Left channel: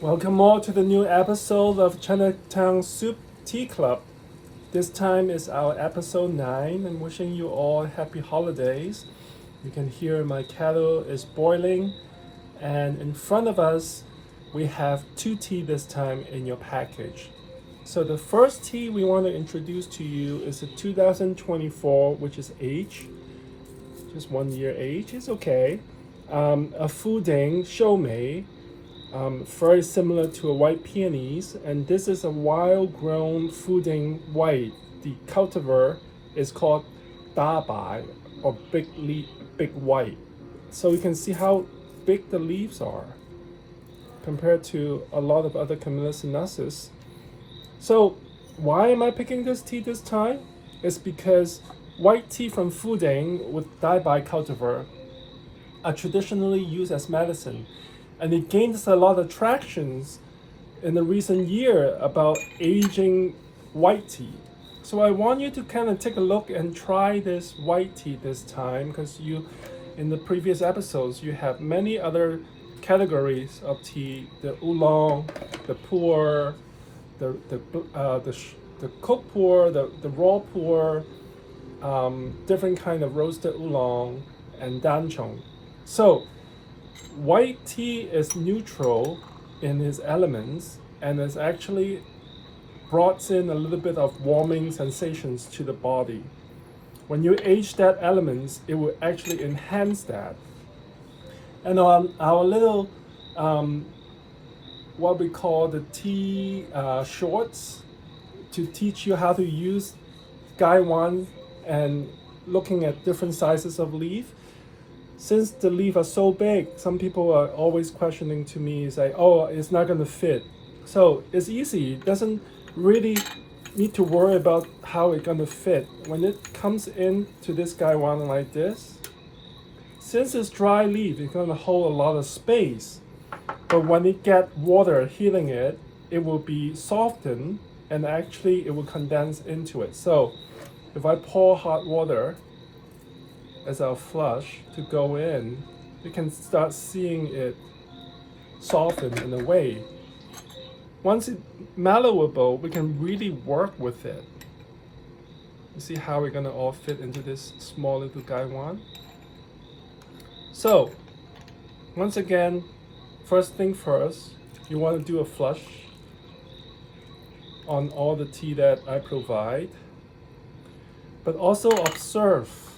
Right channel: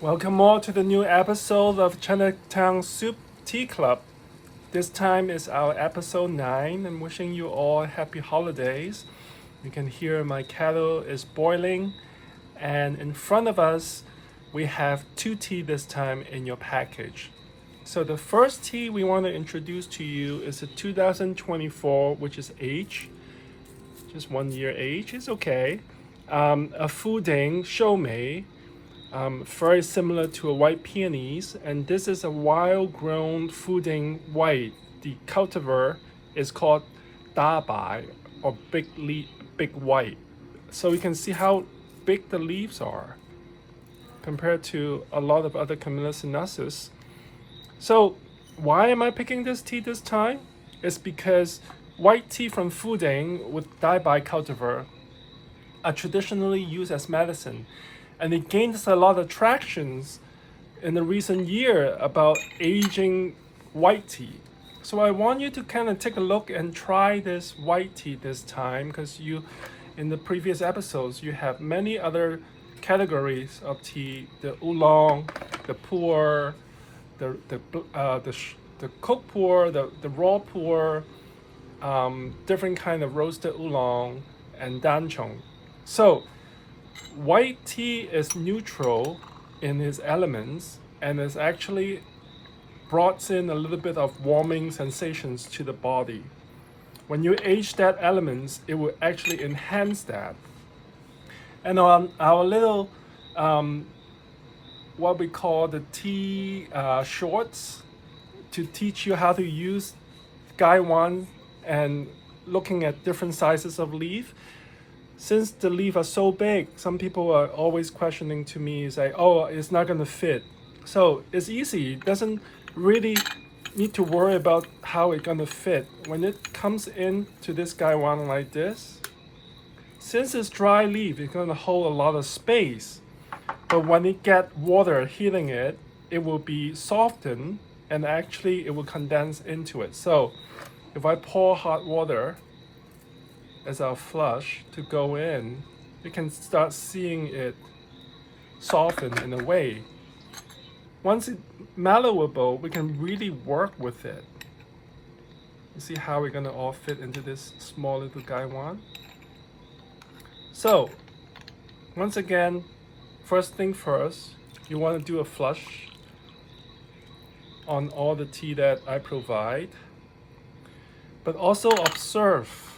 Welcome all to the new episode of Chinatown Soup Tea Club. This time is our episode 9. I'm wishing you all happy holidays. You can hear my kettle is boiling, and in front of us we have 2 tea this time in your package. So the first tea we want to introduce to you is a 2024, which is age, just 1 year age, it's okay. A Fuding Shou Mei. Very similar to a white peonies, and this is a wild-grown Fuding white. The cultivar is called Dai Bai, or big white. So you can see how big the leaves are compared to a lot of other Camellia. So why am I picking this tea this time? It's because white tea from Fuding with Dai Bai cultivar are traditionally used as medicine. And it gains a lot of traction in the recent year about aging white tea. So I want you to kind of take a look and try this white tea this time, because in the previous episodes, you have many other categories of tea: the oolong, the pu'er, the cooked pu'er, the raw pu'er, different kind of roasted oolong, and danchong. So white tea is neutral in its elements and is actually brought in a little bit of warming sensations to the body. When you age that elements, it will actually enhance that. And on our little what we call the tea shorts to teach you how to use gaiwan and looking at different sizes of leaf. Since the leaves are so big, some people are always questioning to me, say, oh, it's not gonna fit. So it's easy, it doesn't really need to worry about how it's gonna fit. When it comes into this gaiwan like this, since it's dry leaf, it's gonna hold a lot of space. But when it get water hitting it, it will be softened and actually it will condense into it. So if I pour hot water as our flush to go in, you can start seeing it soften in a way. Once it's mellowable, we can really work with it. You see how we're gonna all fit into this small little gaiwan? So, once again, first thing first, you want to do a flush on all the tea that I provide, but also observe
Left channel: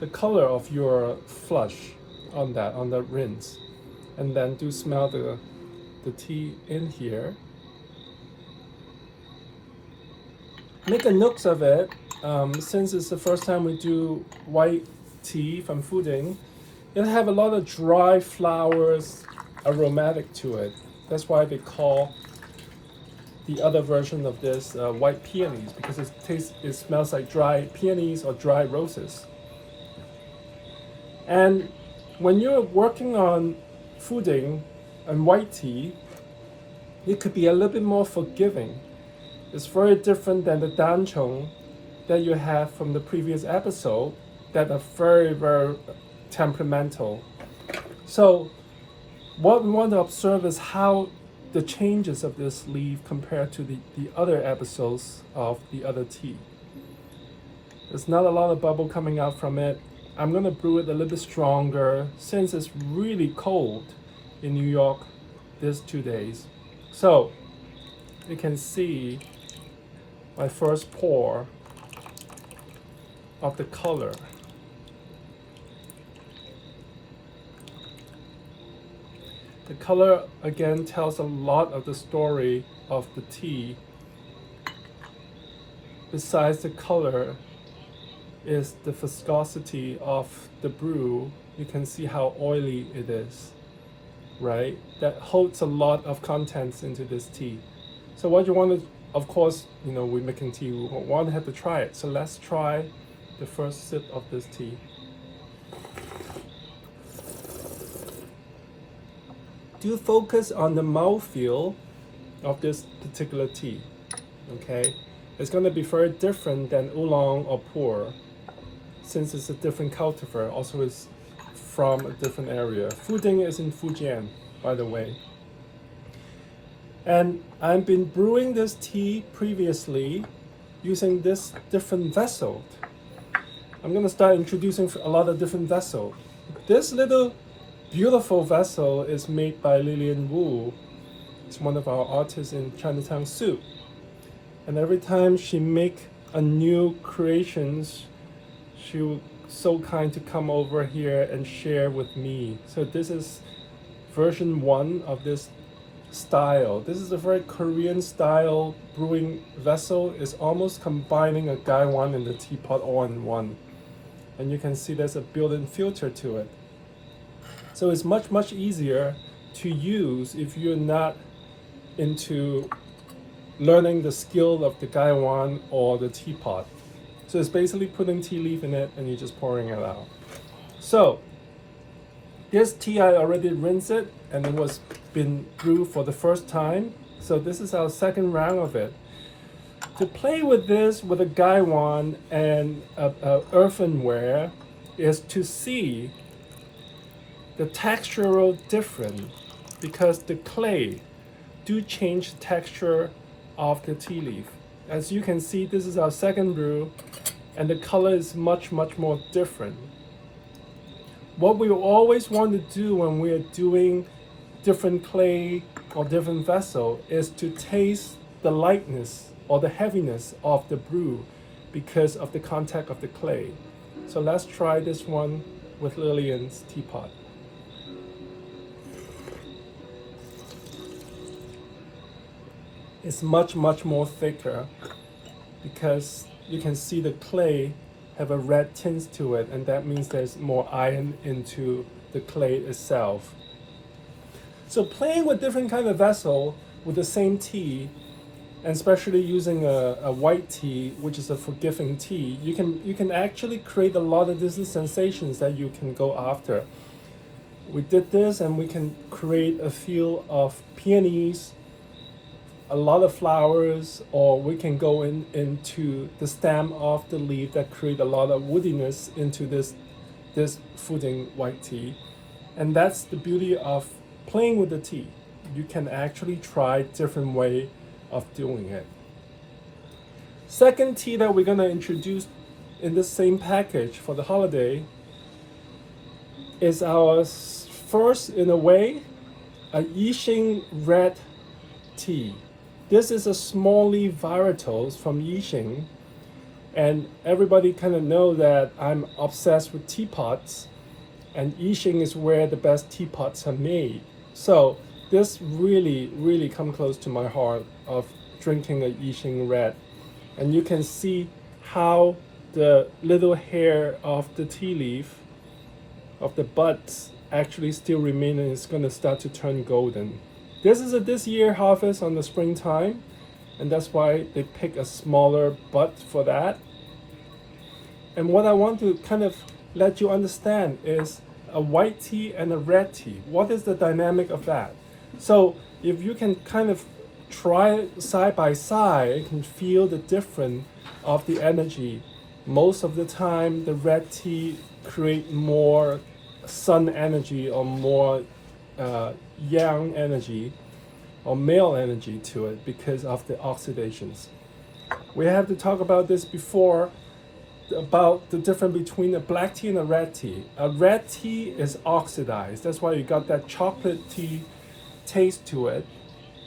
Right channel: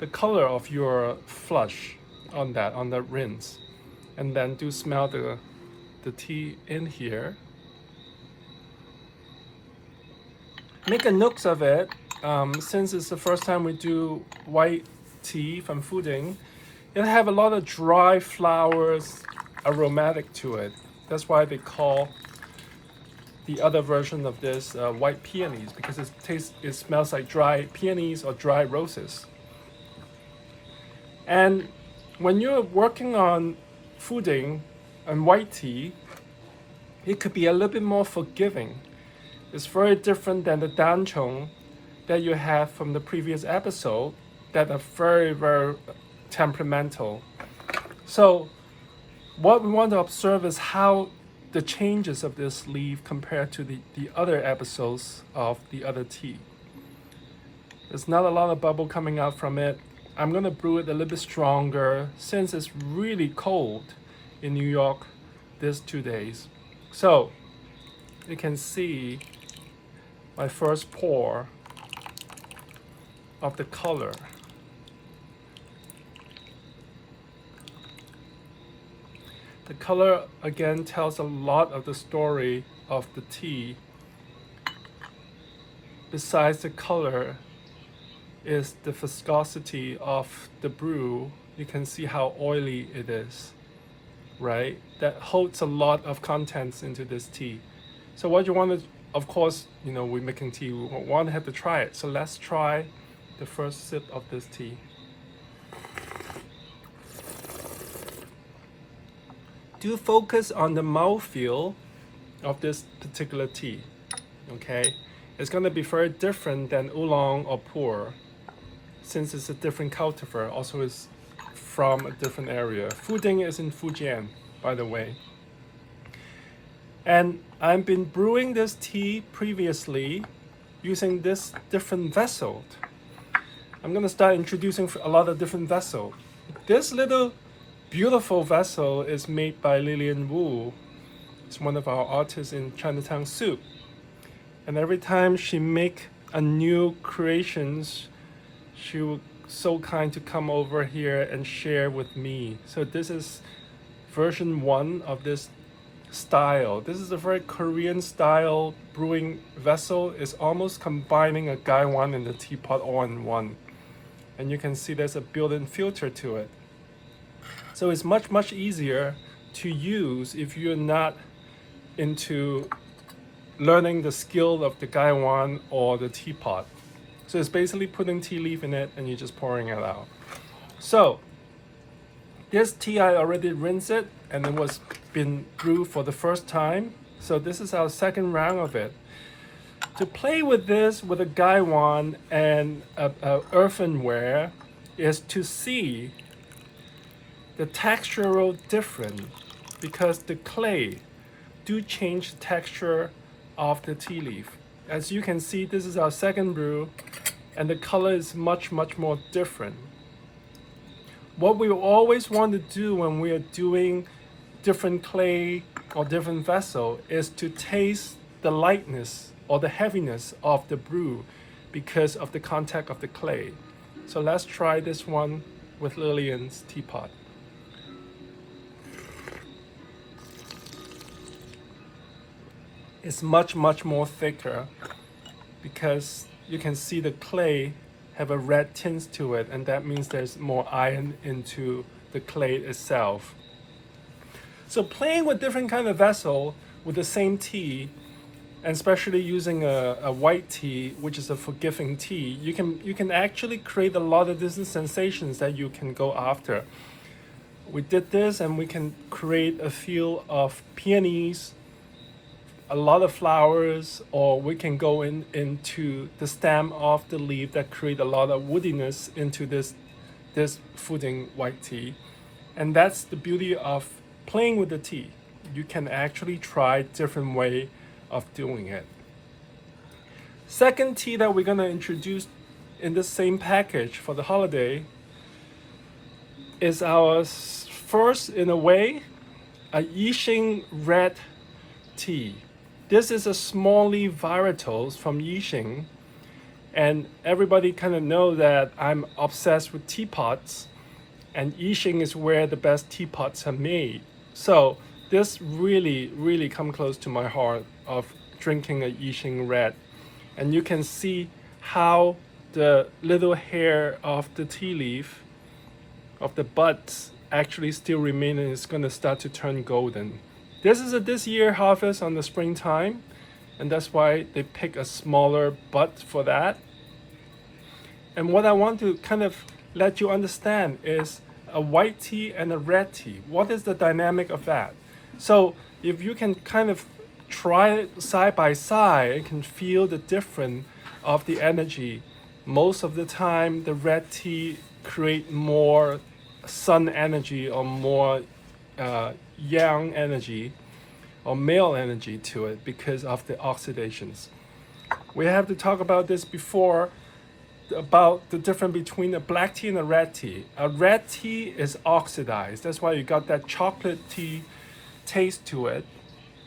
the color of your flush on the rinse, and then do smell the tea in here. Make a note of it, since it's the first time we do white tea from Fuding. It'll have a lot of dry flowers aromatic to it. That's why they call the other version of this white peonies, because it smells like dry peonies or dry roses. And when you're working on Fuding and white tea, it could be a little bit more forgiving. It's very different than the danchong that you have from the previous episode that are very, very temperamental. So what we want to observe is how the changes of this leaf compared to the other episodes of the other tea. There's not a lot of bubble coming out from it. I'm gonna brew it a little bit stronger since it's really cold in New York these 2 days. So you can see my first pour of the color. The color again tells a lot of the story of the tea. Besides the color is the viscosity of the brew. You can see how oily it is, right? That holds a lot of contents into this tea. So what you want to, of course, we're making tea, we want to have to try it. So let's try the first sip of this tea. Do focus on the mouthfeel of this particular tea, okay? It's going to be very different than oolong or pu'er, since it's a different cultivar, also is from a different area. Fuding is in Fujian, by the way. And I've been brewing this tea previously using this different vessel. I'm gonna start introducing a lot of different vessels. This little beautiful vessel is made by Lillian Wu. It's one of our artists in Chinatown Soup. And every time she make a new creations, she was so kind to come over here and share with me. So this is version 1 of this style. This is a very Korean style brewing vessel. It's almost combining a gaiwan and the teapot all in one. And you can see there's a built-in filter to it. So it's much easier to use if you're not into learning the skill of the gaiwan or the teapot. So it's basically putting tea leaf in it and you're just pouring it out. So this tea, I already rinsed it and it was been brewed for the first time. So this is our second round of it. To play with this with a gaiwan and a earthenware is to see the textural difference, because the clay do change the texture of the tea leaf. As you can see, this is our second brew and the color is much more different. What we always want to do when we are doing different clay or different vessel is to taste the lightness or the heaviness of the brew because of the contact of the clay. So let's try this one with Lillian's teapot. It's much more thicker because you can see the clay have a red tint to it, and that means there's more iron into the clay itself. So playing with different kind of vessel with the same tea, and especially using a white tea, which is a forgiving tea, you can actually create a lot of different sensations that you can go after. We did this and we can create a feel of peonies, a lot of flowers, or we can go into the stem of the leaf that create a lot of woodiness into this Fuding white tea. And that's the beauty of playing with the tea. You can actually try different way of doing it. Second tea that we're gonna introduce in the same package for the holiday is our first, in a way, a Yixing Red tea. This is a small leaf varietals from Yixing, and everybody kind of know that I'm obsessed with teapots, and Yixing is where the best teapots are made. So this really come close to my heart of drinking a Yixing Red. And you can see how the little hair of the tea leaf, of the buds, actually still remain and it's gonna start to turn golden. This is a this year harvest on the springtime, and that's why they pick a smaller bud for that. And what I want to kind of let you understand is a white tea and a red tea. What is the dynamic of that? So if you can kind of try it side by side, you can feel the difference of the energy. Most of the time, the red tea create more sun energy or more yang energy or male energy to it because of the oxidations. We have to talk about this before, about the difference between a black tea and a red tea. A red tea is oxidized. That's why you got that chocolate tea taste to it.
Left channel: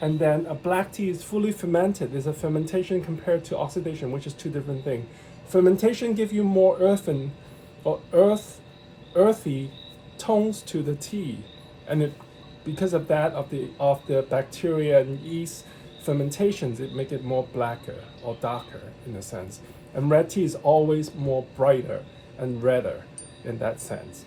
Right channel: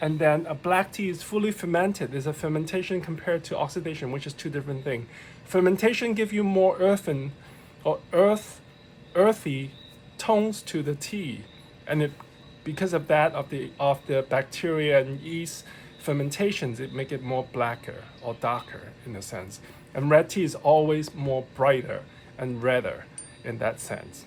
And then a black tea is fully fermented. There's a fermentation compared to oxidation, which is two different things. Fermentation gives you more earthen or earthy tones to the tea. And because of that, of the bacteria and yeast fermentations, it make it more blacker or darker in a sense. And red tea is always more brighter and redder in that sense.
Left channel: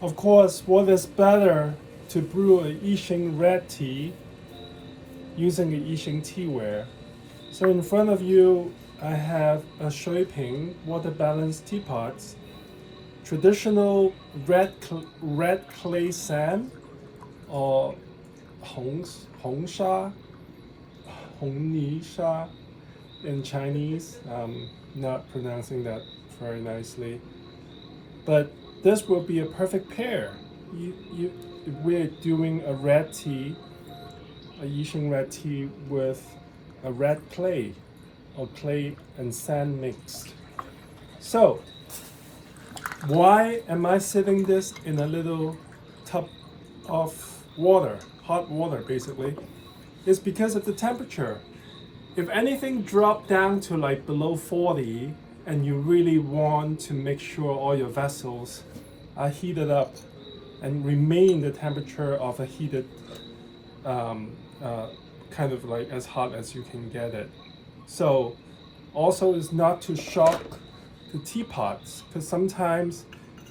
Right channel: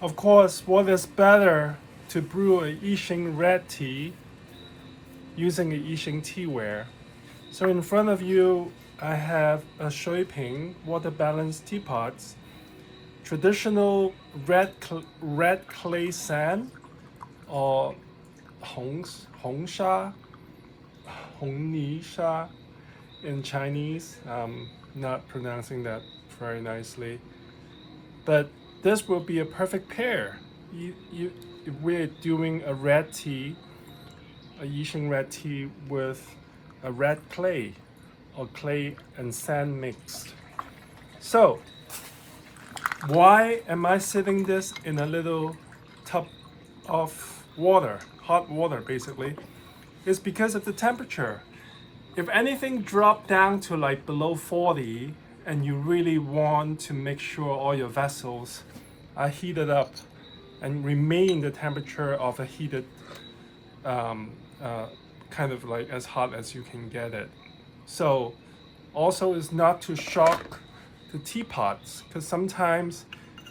Of course, what is better to brew a Yixing red tea using a Yixing teaware? So in front of you, I have a Shui-Ping water balanced teapots, traditional red clay sand, or Hongsha, Hongnisha in Chinese. Not pronouncing that very nicely, but this will be a perfect pair. if we're doing a red tea, a Yixing red tea with a red clay or clay and sand mixed. So why am I sitting this in a little tub of water, hot water basically? It's because of the temperature. If anything dropped down to like below 40 and you really want to make sure all your vessels are heated up and remain the temperature of a heated kind of like as hot as you can get it. So also is not to shock the teapots, because sometimes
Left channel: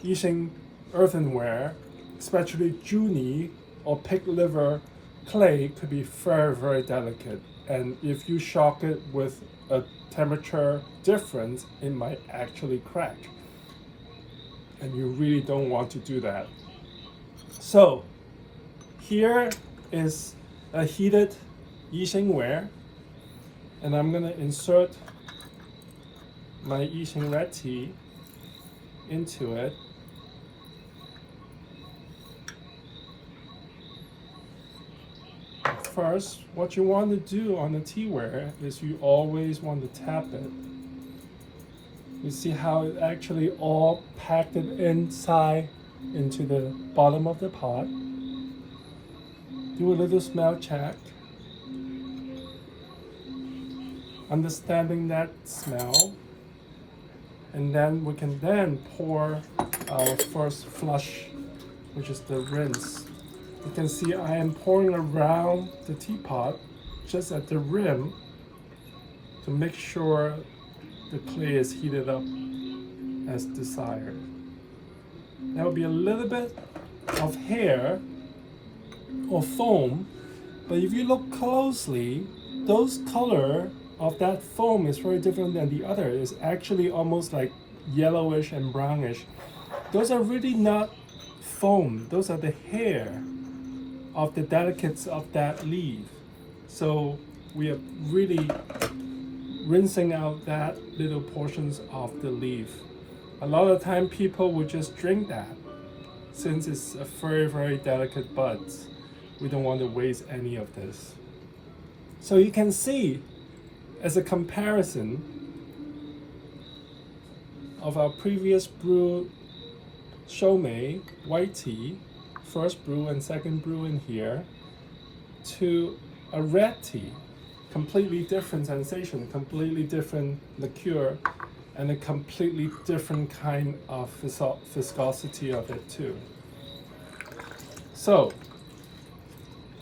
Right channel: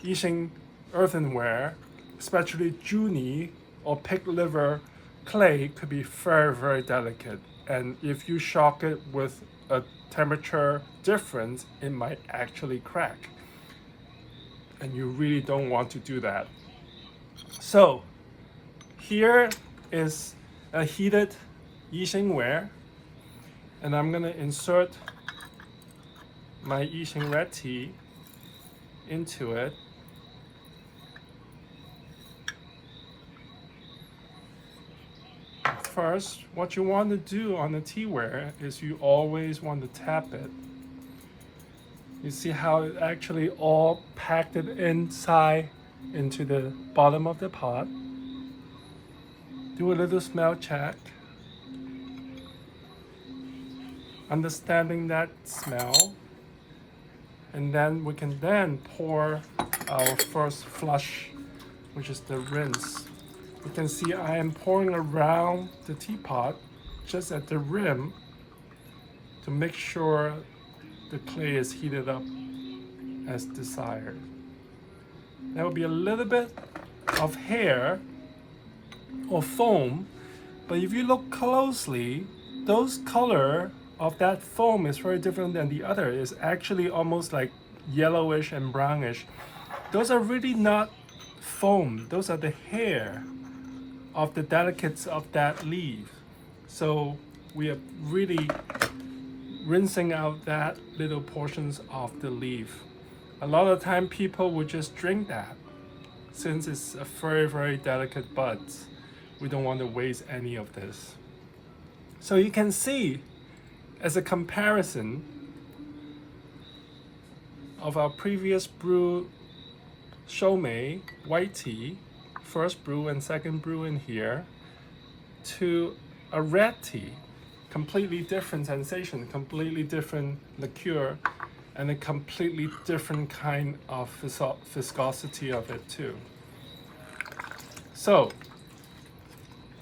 Yixing earthenware, especially Juni or pig liver clay, could be very, very delicate. And if you shock it with a temperature difference, it might actually crack. And you really don't want to do that. So here is a heated Yixing ware, and I'm gonna insert my Yixing red tea into it. First, what you want to do on the teaware is you always want to tap it. You see how it actually all packed it inside into the bottom of the pot. Do a little smell check. Understanding that smell. And then we can then pour our first flush, which is the rinse. You can see I am pouring around the teapot just at the rim to make sure the clay is heated up as desired. There will be a little bit of hair or foam, but if you look closely, those color of that foam is very different than the other. It's actually almost like yellowish and brownish. Those are really not foam. Those are the hair of the delicates of that leaf. So we are really rinsing out that little portions of the leaf. A lot of time people would just drink that. Since it's a very, very delicate bud, we don't want to waste any of this. So you can see, as a comparison of our previous brew Shou Mei white tea, first brew and second brew in here, to a red tea, completely different sensation, completely different liqueur, and a completely different kind of viscosity of it too. So,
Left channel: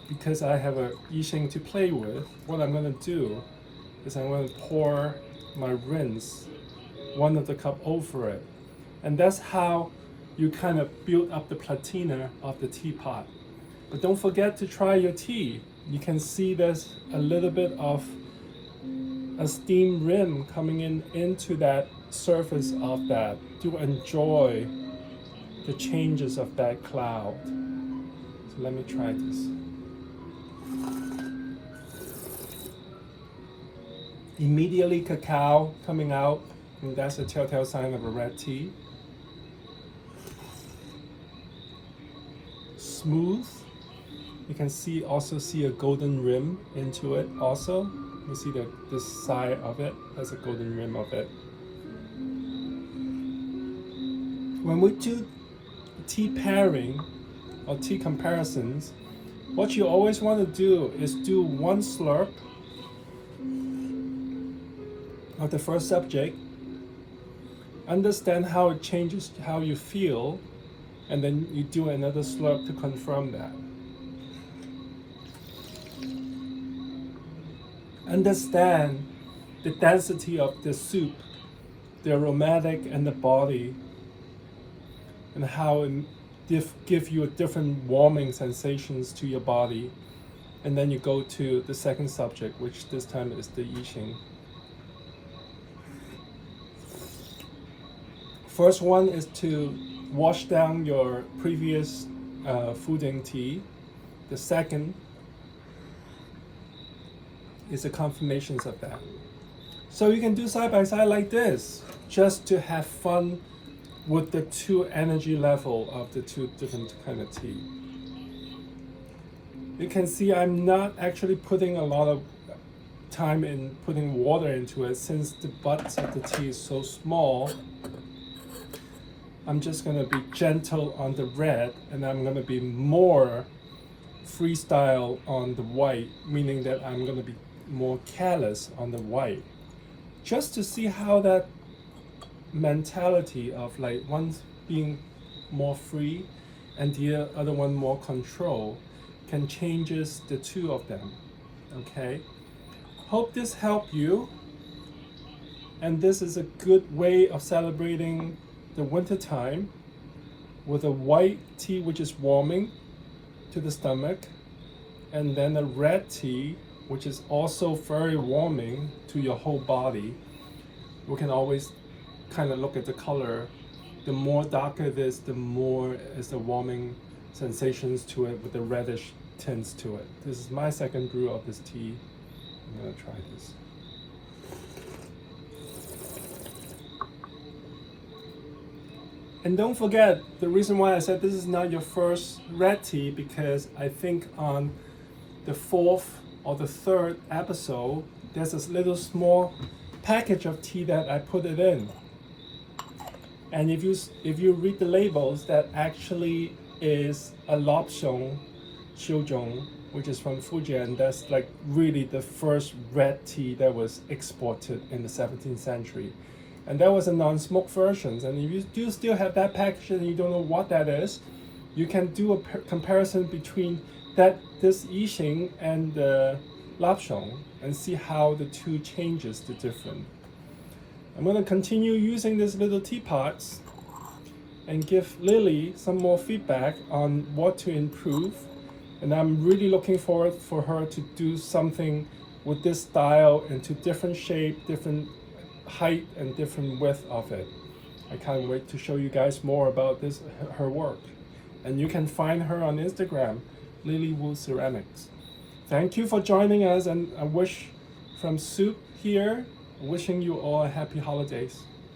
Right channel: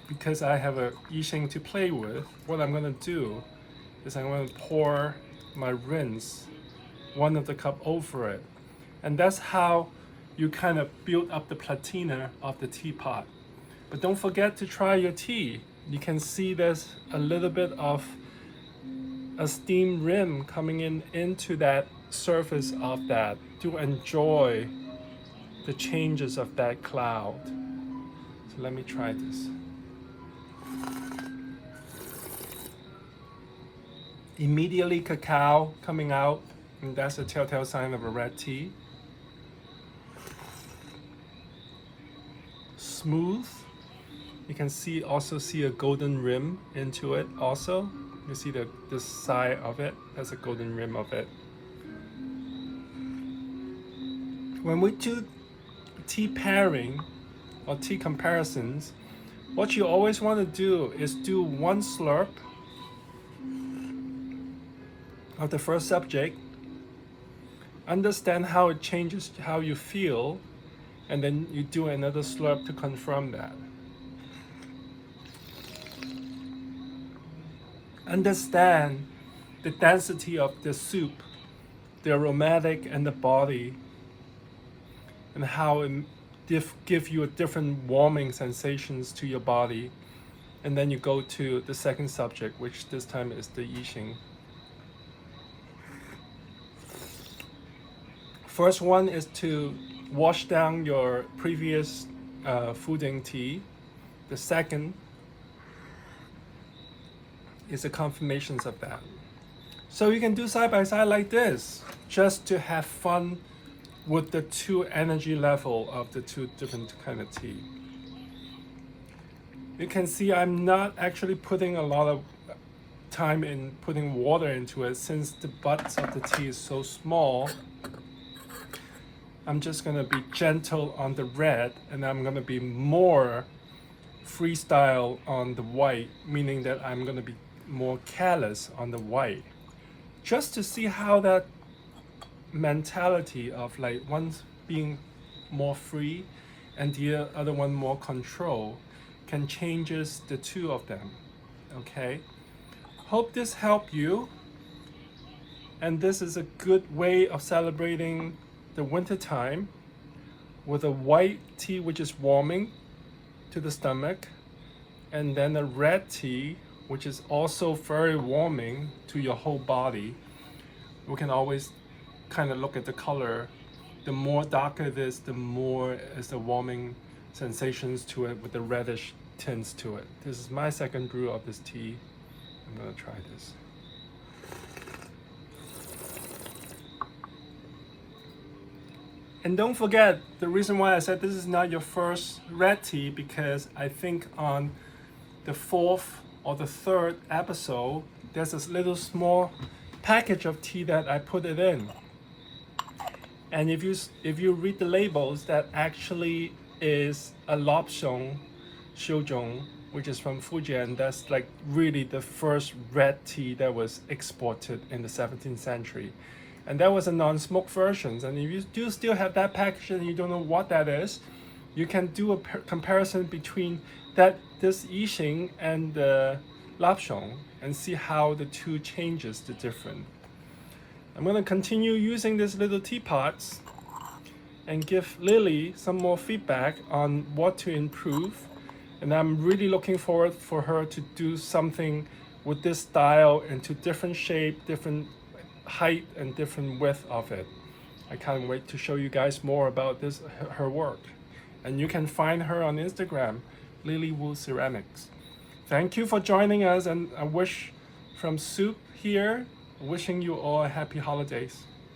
because I have a Yixing to play with, what I'm going to do is I'm going to pour my rinse, one of the cup over it. And that's how you kind of build up the patina of the teapot. But don't forget to try your tea. You can see there's a little bit of a steam rim coming into that surface of that to enjoy the changes of that cloud. So let me try this. Immediately cacao coming out, and that's a telltale sign of a red tea. Smooth. You can also see a golden rim into it also. You see the side of it, there's a golden rim of it. When we do tea pairing or tea comparisons, what you always want to do is do one slurp of the first subject, understand how it changes how you feel, and then you do another slurp to confirm that. Understand the density of the soup, the aromatic and the body, and how it give you a different warming sensations to your body. And then you go to the second subject, which this time is the Yixing. First one is to wash down your previous Fuding tea. The second is the confirmations of that. So you can do side by side like this, just to have fun with the two energy level of the two different kind of tea. You can see I'm not actually putting a lot of time in putting water into it since the butts of the tea is so small. I'm just gonna be gentle on the red, and I'm gonna be more freestyle on the white, meaning that I'm gonna be more careless on the white, just to see how that mentality of like one being more free and the other one more control can changes the two of them. Okay, hope this helped you, and this is a good way of celebrating the winter time with a white tea which is warming to the stomach, and then a red tea which is also very warming to your whole body. We can always kind of look at the color. The more darker it is, the more is the warming sensations to it with the reddish tints to it. This is my second brew of this tea. I'm gonna try this. And don't forget, the reason why I said this is not your first red tea, because I think on the 4th or the 3rd episode, there's this little small package of tea that I put it in. And if you read the labels, that actually is a lobsong Xiuzhong, which is from Fujian. That's like really the first red tea that was exported in the 17th century. And that was a non-smoke version. And if you do still have that package and you don't know what that is, you can do a comparison between this Yixing and the lobsong and see how the two changes the different. I'm going to continue using these little teapots and give Lily some more feedback on what to improve. And I'm really looking forward for her to do something with this style into different shape, different height, and different width of it. I can't wait to show you guys more about her work. And you can find her on Instagram, Lily Wu Ceramics. Thank you for joining us, and I wish from Soup here, wishing you all happy holidays.